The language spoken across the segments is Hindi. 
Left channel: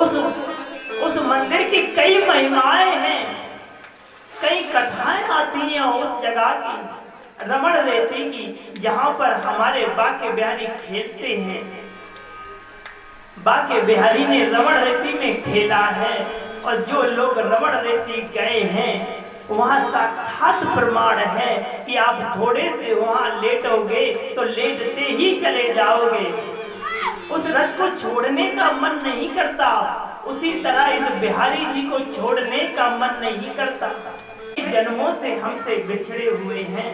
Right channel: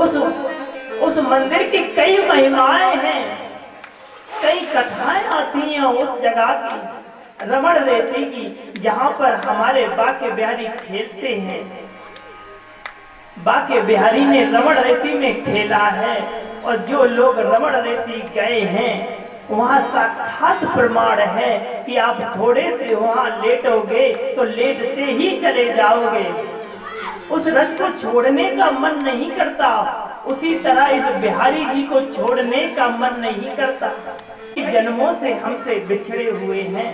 उस मंदिर की कई महिमाएं हैं, कई कथाएं आती हैं उस जगह की, रमण रेती की, जहां पर हमारे बाके बिहारी खेलते हैं। बाके बिहारी ने रमण रेती में खेला है और जो लोग रमण रेती गए हैं वहां साक्षात प्रमाण है कि आप थोड़े से वहां लेटोगे तो लेटते ही चले जाओगे। उस रज को छोड़ने का मन नहीं करता, उसी तरह इस बिहारी जी को छोड़ने का मन नहीं करता। जन्मों से हमसे बिछड़े हुए हैं,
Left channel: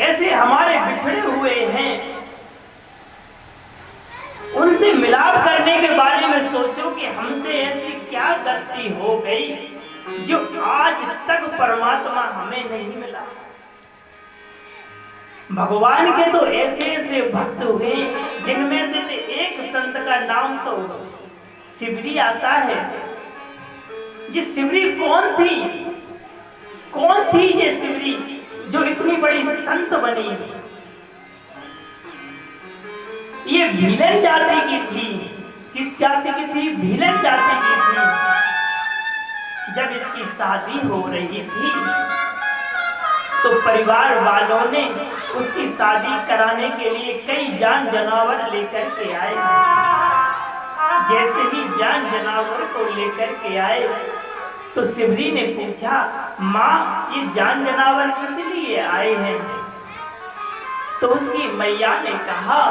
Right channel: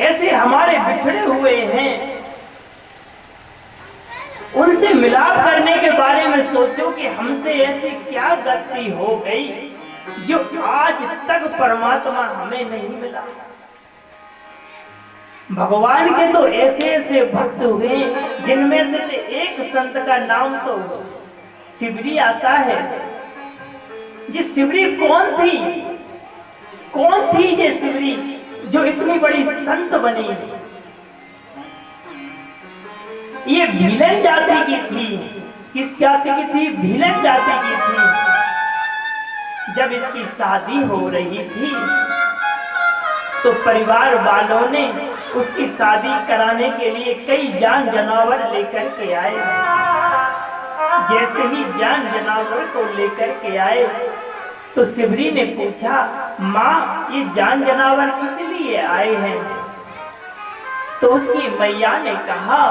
ऐसे हमारे बिछड़े हुए हैं, उनसे मिलाप करने के बारे में सोचो कि हमसे ऐसी क्या गलती हो गई जो आज तक परमात्मा हमें नहीं मिला। भगवान के तो ऐसे ऐसे भक्त हुए जिनमें से एक संत का नाम तो शिवरी आता है। ये शिवरी कौन थी? कौन थी ये शिवरी जो इतनी बड़ी संत बनी? ये भीलन जाति की थी। किस जाति की थी? भीलन जाति की थी। जब इसकी शादी हो रही थी तो परिवार वालों ने उसकी शादी कराने के लिए कई जान जनावर लेकर के आए। जैसे ही जान जनावर को लेकर के आए तो शिवरी ने पूछा, माँ ये जान जनावर किस लिए आए हैं? तो उसकी मैया ने कहा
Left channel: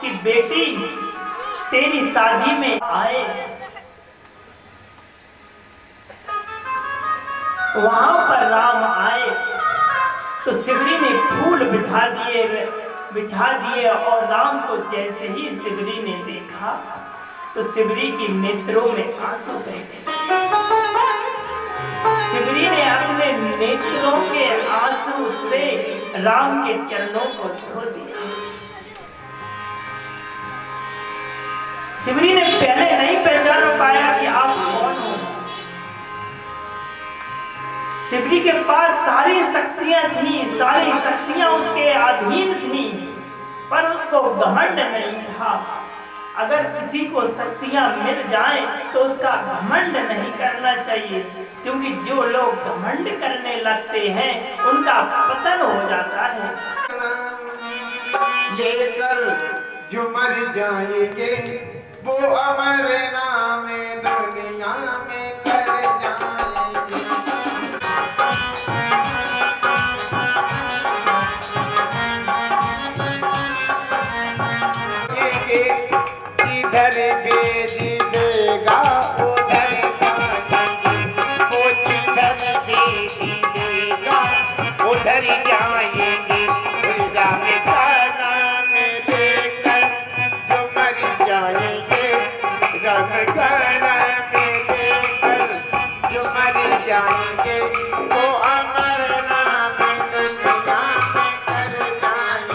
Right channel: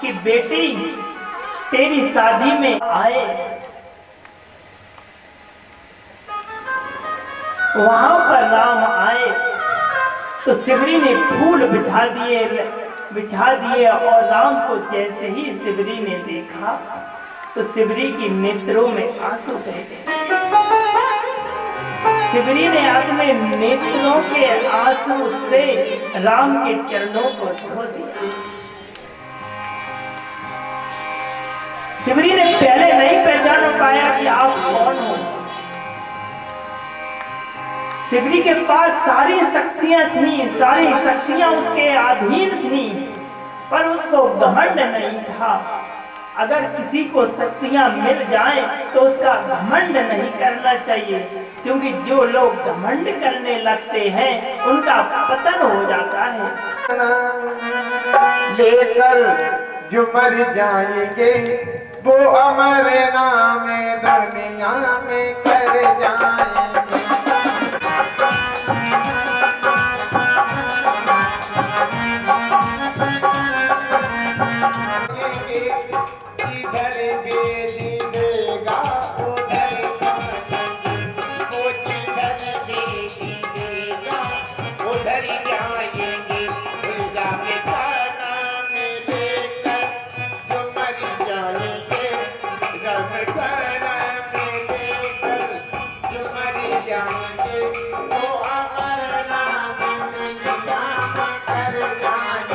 कि बेटी तेरी शादी में आए। वहां पर राम आए तो शिवरी ने फूल बिछा दिए और राम को जैसे ही शिवरी ने देखा तो शिवरी की नेत्रों में आंसू बह गए। शिवरी ने अपने नेत्रों के आंसू से राम के चरणों को धो दिया। शिवरी ने पहले नहीं पहचान पाया कि आप कौन हो। शिवरी के पास सारी शक्तियां थी, सारी शक्तियां उसके अधीन थी, पर उसको घमंड नहीं था। अगर किसी को शक्तियां मिल जाएं तो उसका घमंड नहीं करना चाहिए, क्योंकि जो लोग घमंड करने लगते हैं उनका पतन हो जाता है। लेकर जो मर जाएंगे वो अमर नाम दुनिया में कर जाएंगे। इधर भेज देगा उधर जाएंगे, वो जिधर भेज देगा उधर जाएंगे। राम का नाम लेकर जो मर जाएंगे, राम का नाम लेकर जो मर जाएंगे वो अमर नाम दुनिया में कर जाएंगे।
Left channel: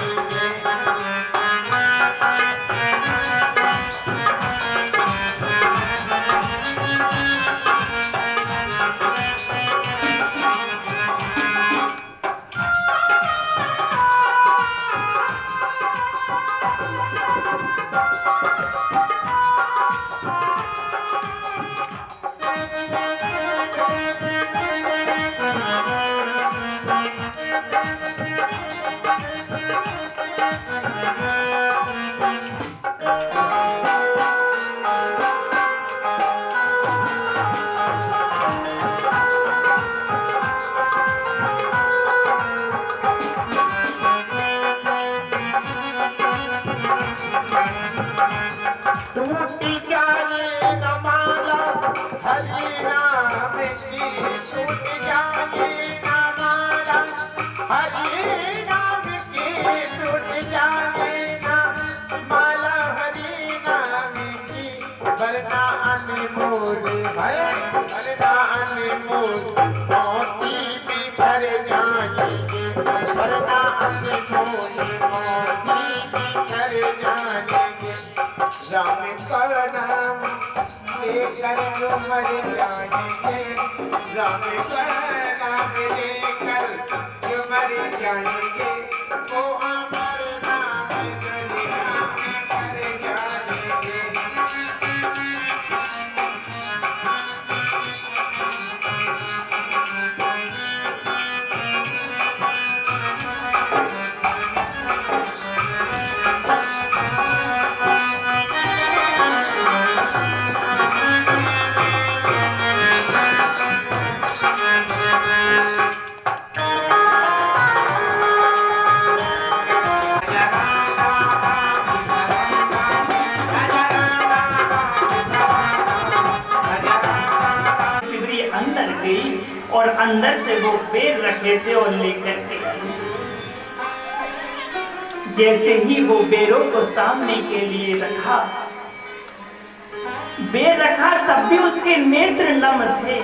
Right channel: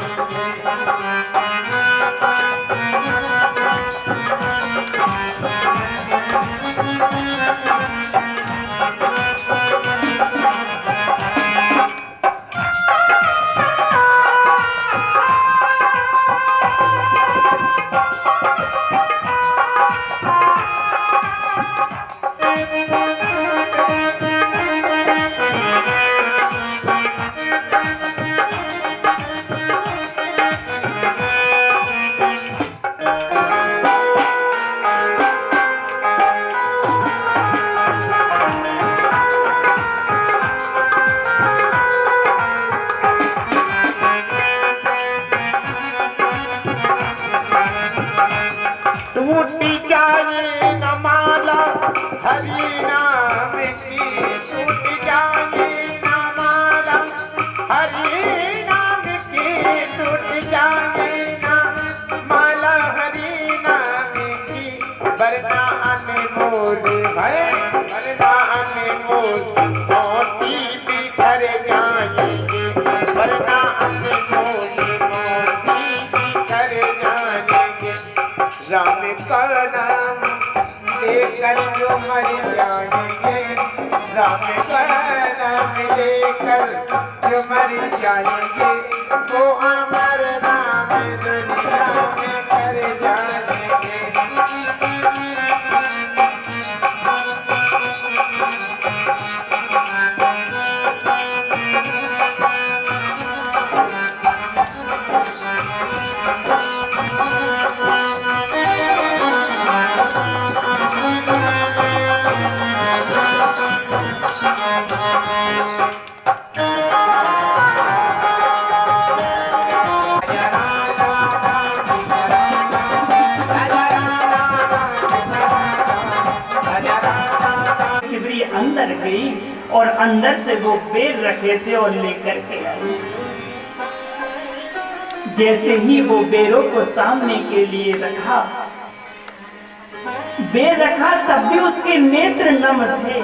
राम का नाम लेकर जो मर जाएंगे, राम का नाम लेकर जो मर जाएंगे वो अमर नाम दुनिया में कर जाएंगे। और अंदर से वो बेर रखे थे और लेकर के आए। जैसे ही वो बेरों को सामने के लिए रखा, बेर रखा, तब भी उसके नेत्र नम थे।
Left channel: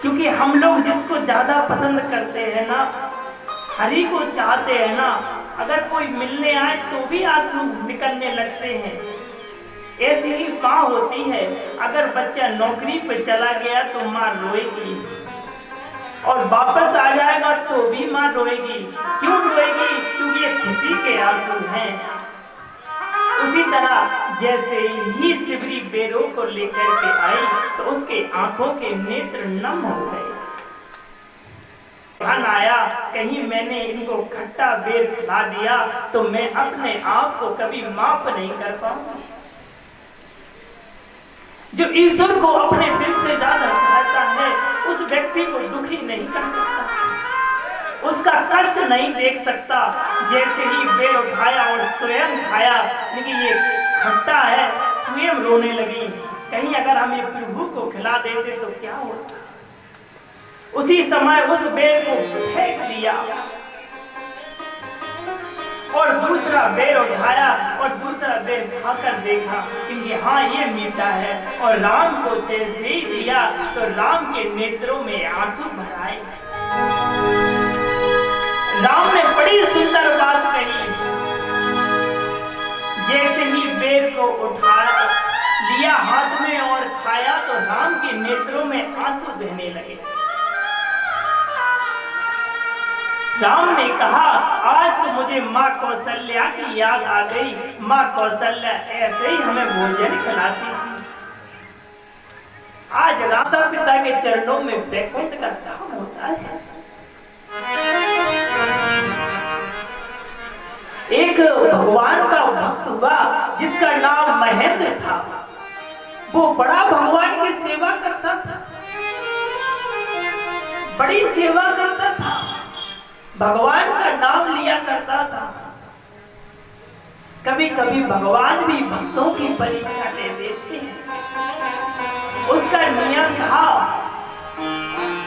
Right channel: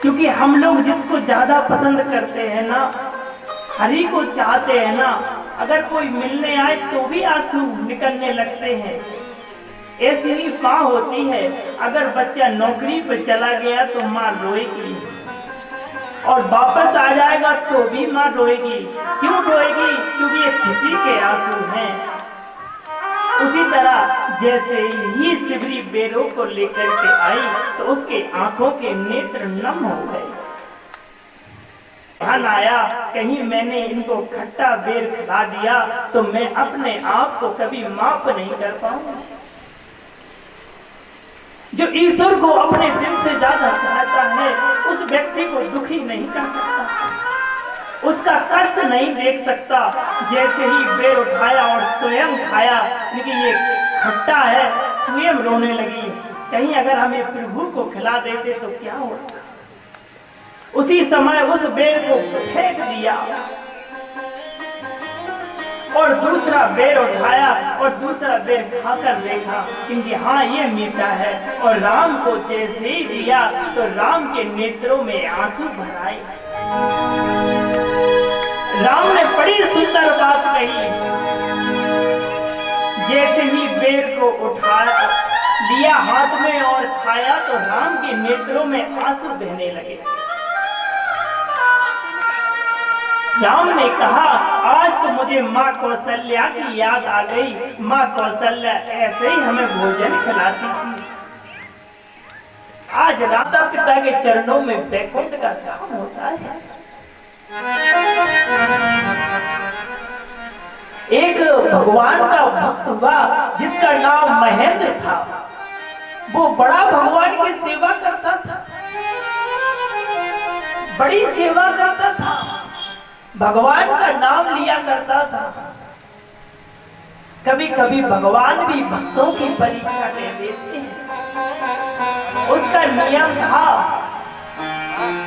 क्योंकि हम लोग जिसको ज्यादा पसंद करते हैं ना, हरि को चाहते हैं ना, अगर कोई मिलने आए तो भी आंसू निकलने लगते हैं। ऐसी ही माँ होती है, अगर बच्चा नौकरी पर चला गया तो माँ रोएगी और वापस आ जाएगा तो भी माँ रोएगी। क्यों रोएगी? क्योंकि ये खुशी के आंसू हैं। उसी तरह जैसे ही सिबरी बेरों को लेकर के आई तो उसके आंखों के नेत्र नम हो गए। ध्यान आया, कहीं मैंने इनको खट्टा बेर खिला दिया तो मैं अपने आप को कभी माफ नहीं कर पाऊंगा। जो ईश्वर को अपने दिल से ज्यादा चाहता है उस व्यक्ति को दुखी नहीं कर सकता, उसका कष्ट नहीं देख सकता। जैसे ही बेर उठाया और स्वयं खाया, लेकिन ये खट्टा है, स्वयं रोने लगी। कहीं अगर हमें प्रभु को खिला देते तो क्या होता? उसी समय उस बेर को फेंक दिया और दूसरा बेर उठाया और दूसरा बेर खाकर देखा क्योंकि हाँ ये मीठा है, और राम को जैसे ही दिया तो राम के नेत्रों में आंसू भर आए। राम ने बड़ी सुंदर बात कही। जैसे ही बेर को उठाया, लिया हाथ में और खाया तो राम के नेत्रों में आंसू बहने लगे। राम ने कहा, आज तो मुझे माँ कौशल्या की याद आ गई। माँ कौशल्या ऐसे ही हमें भोजन खिलाती थी। आज माता पिता के चरणों में वैकुंठ का धाम होता है। एक भगवान का भक्त हुआ जिसका नाम महेंद्र था। वो बड़ा भगवान की सेवा करता था, बड़ी सेवा करता था, भगवान का नाम लिया करता था। कभी कभी भगवान भी भक्तों की परीक्षा ले लेते हैं। उसका नियम था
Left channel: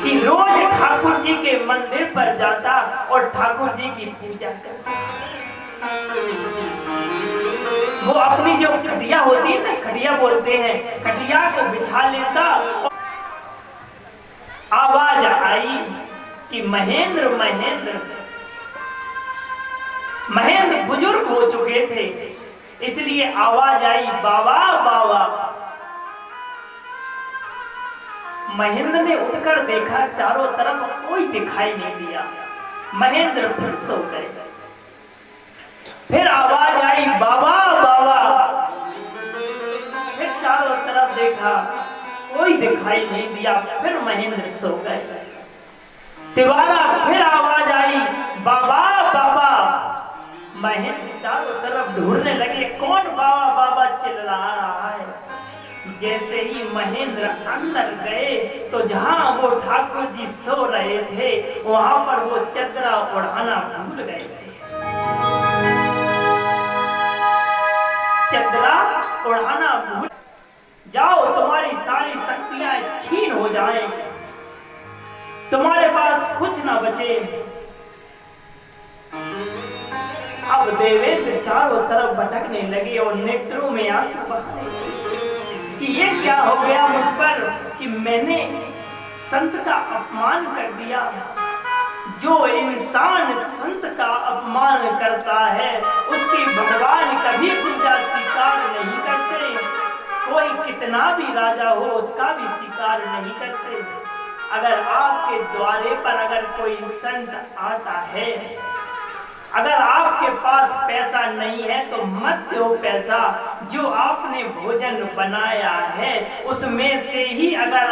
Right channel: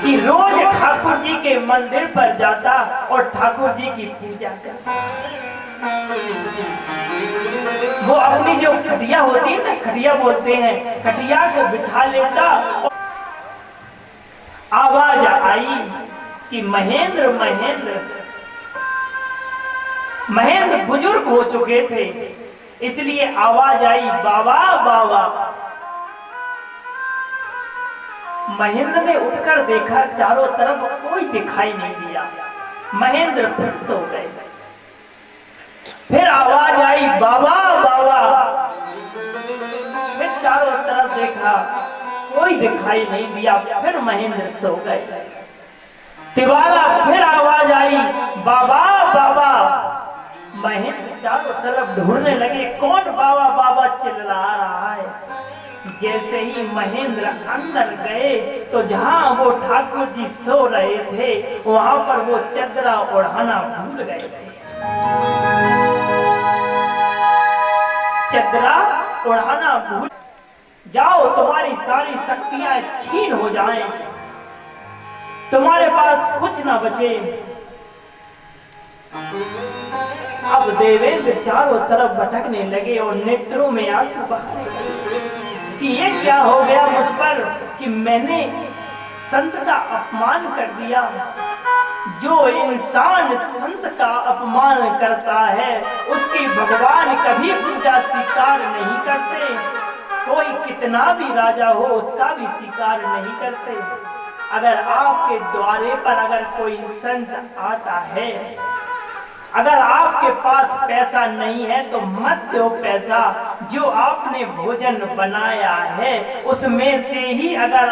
कि रोज ठाकुर जी के मंदिर पर जाता और ठाकुर जी की पूजा करता। वो अपनी जो खटिया होती है ना, खटिया बोलते हैं, खटिया को बिछा लेता। आवाज आई कि महेंद्र महेंद्र। महेंद्र बुजुर्ग हो चुके थे, इसलिए आवाज आई बाबा बाबा। महेंद्र ने उठकर देखा, चारों तरफ कोई दिखाई नहीं दिया। महेंद्र फिर सो गए। फिर आवाज आई बाबा बाबा। फिर चारों तरफ देखा, कोई दिखाई नहीं दिया। फिर महेंद्र सो गए। तिवारा फिर आवाज आई बाबा बाबा। महेंद्र चारों तरफ ढूंढने लगे, कौन बाबा बाबा चिल्ला रहा है। जैसे ही महेंद्र अंदर गए तो जहां वो ठाकुर जी सो रहे थे वहां पर वो चदरा ओढ़ाना भूल गए थे। चदरा ओढ़ाना भूल जाओ, तुम्हारी सारी शक्तियां छीन हो जाएं, तुम्हारे पास कुछ ना बचे। अब देवेंद्र चारों तरफ भटकने लगे और नेत्रों में आंसू बहाए कि ये क्या हो गया मुझ पर कि मैंने संत का अपमान कर दिया। जो इंसान संत का अपमान करता है उसकी भगवान कभी पूजा स्वीकार नहीं करते। कोई कितना भी राजा हो उसका भी स्वीकार नहीं करते। अगर आपके द्वारे पर अगर कोई संत आता है, अगर आपके पास पैसा नहीं है तो मत दो पैसा। जो आपने भोजन बनाया है उसमें से ही अगर